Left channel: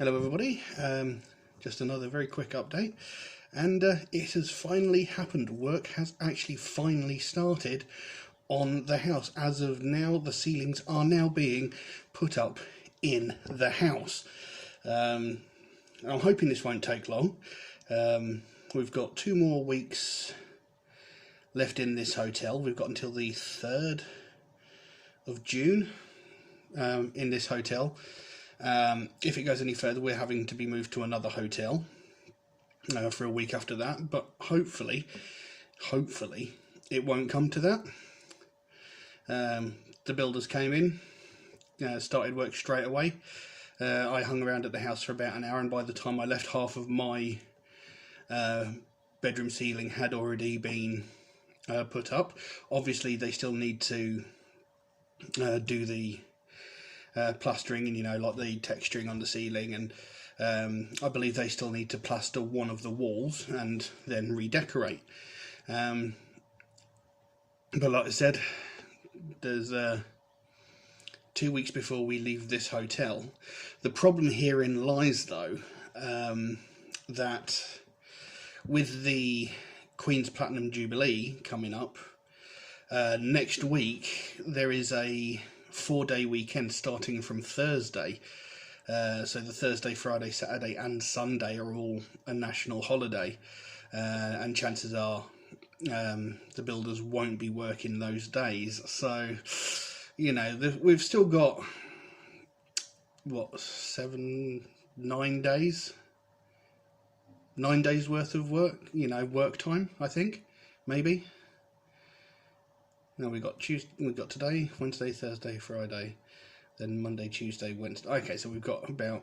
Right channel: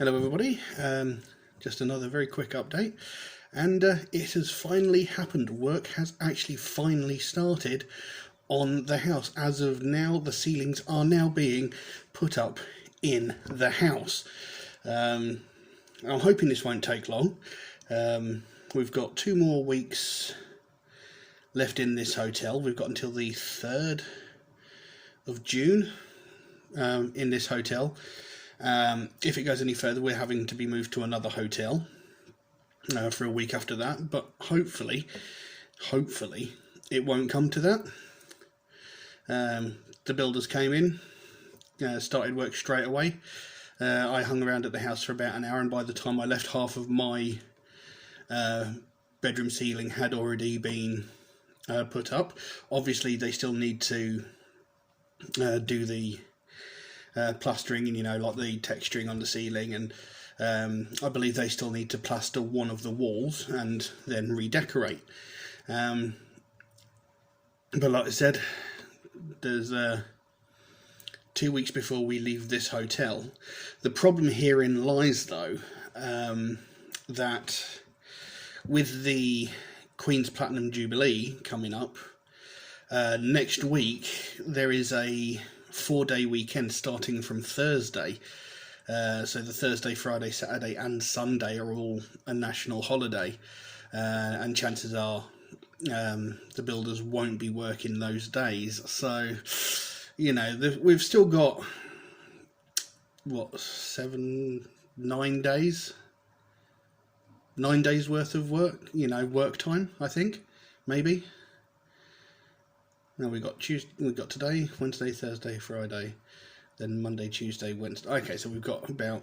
Hello everybody, just another very quick update, and it has finally happened. Work has actually finally started on the house. As of now, the ceilings are now being put up in the house. I'm hoping this won't take long. We've got 2 more weeks left in this hotel. We've got until the 3rd of June in this hotel. If it goes any further, we're having to be moved to another hotel for a week after that, but hopefully it won't come to that. The builders came in, started work straight away. I hung around at the house for about an hour, and by the time I left, half of my bedroom ceiling had already been put up. Obviously they still need to do the plastering and like the texturing on the ceiling, and I believe they still need to plaster one of the walls and then redecorate. But like I said, there's 2 weeks before we leave this hotel. The problem herein lies though, that with the Queen's Platinum Jubilee coming up next week, there is a 4-day weekend starting from Thursday. So the Thursday, Friday, Saturday and Sunday are all a national holiday, and chances are the builders won't be working those days. So we've still got what, 9 days worth of work, work time, I think, maybe. Now we've got today, Wednesday, Thursday, Friday, then Monday, Tuesday, Wednesday. Okay, so we've got about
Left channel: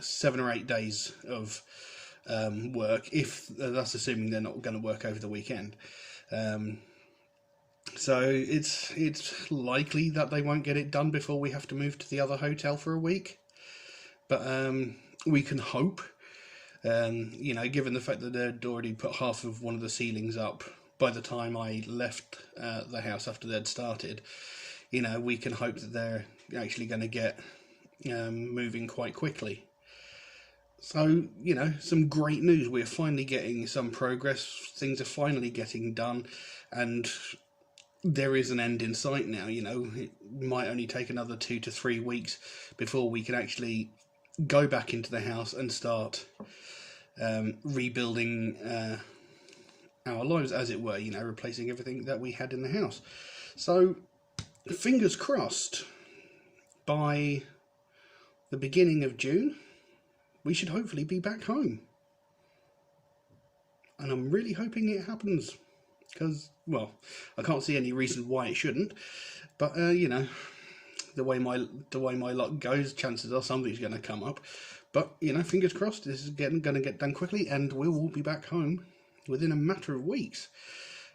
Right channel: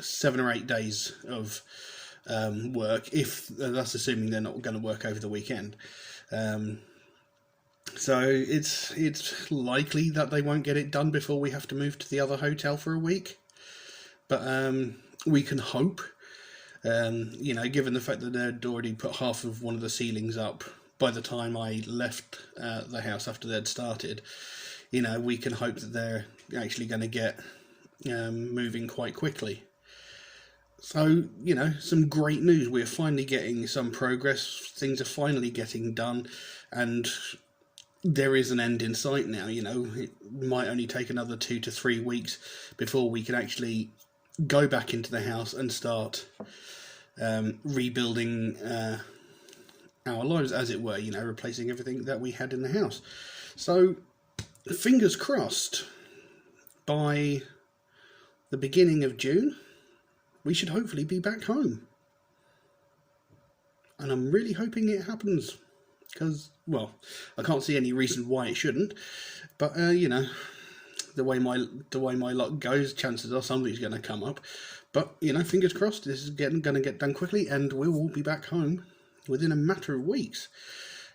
7 or 8 days of work, if that's assuming they're not going to work over the weekend. So it's likely that they won't get it done before we have to move to the other hotel for a week. But we can hope, given the fact that they'd already put half of one of the ceilings up by the time I left the house after they'd started, we can hope that they're actually going to get moving quite quickly. So, some great news. We're finally getting some progress. Things are finally getting done, and there is an end in sight now. It might only take another 2 to 3 weeks before we can actually go back into the house and start rebuilding our lives, as it were, replacing everything that we had in the house. So fingers crossed, by the beginning of June we should hopefully be back home, and I'm really hoping it happens, because, well, I can't see any reason why it shouldn't, but the way my luck goes, chances are something's going to come up. But fingers crossed, this is going to get done quickly, and we'll all be back home within a matter of weeks.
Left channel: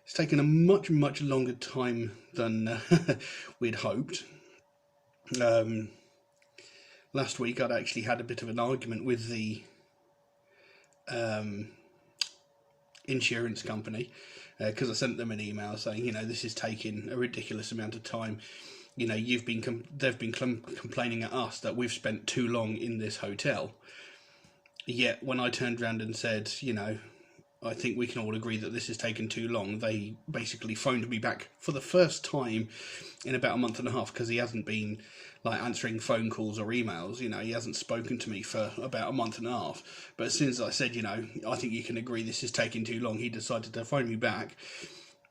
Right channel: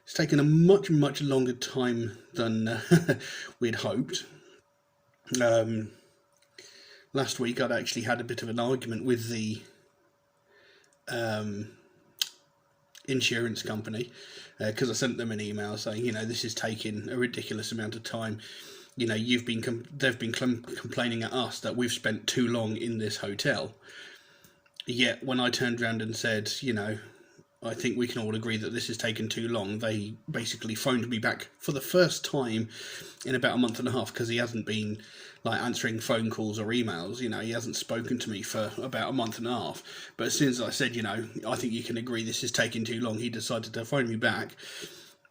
It's taken a much longer time than we'd hoped. Last week I'd actually had a bit of an argument with the insurance company, because I sent them an email saying, this is taking a ridiculous amount of time. They've been complaining at us that we've spent too long in this hotel. Yet when I turned around and said, I think we can all agree that this has taken too long, they basically phoned me back for the first time in about a month and a half, because he hasn't been answering phone calls or emails. He hasn't spoken to me for about a month and a half. But as soon as I said, I think you can agree this is taking too long, he decided to phone me back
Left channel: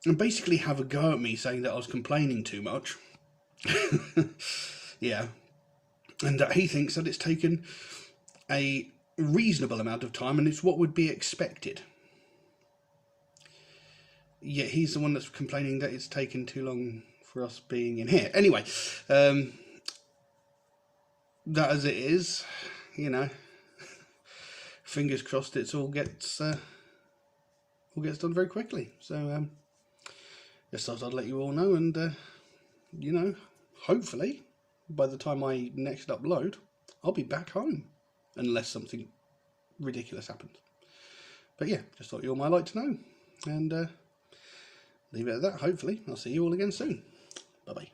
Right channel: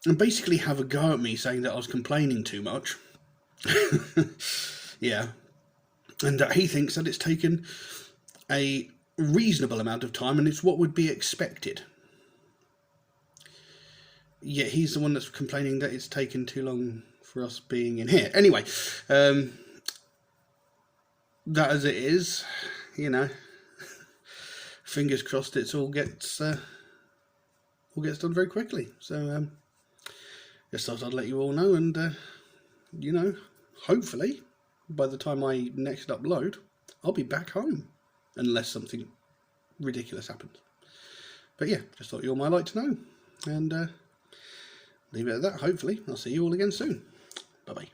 and basically have a go at me, saying that I was complaining too much. Yeah, and that he thinks that it's taken a reasonable amount of time and it's what would be expected. Yet he's the one that's complaining that it's taken too long for us being in here. Anyway, that as it is, fingers crossed it all gets done very quickly. So just thought I'd let you all know, and hopefully by the time I next upload, I'll be back home, unless something ridiculous happens. But yeah, just thought you all might like to know, and leave it at that. Hopefully I'll see you all again soon. Bye bye.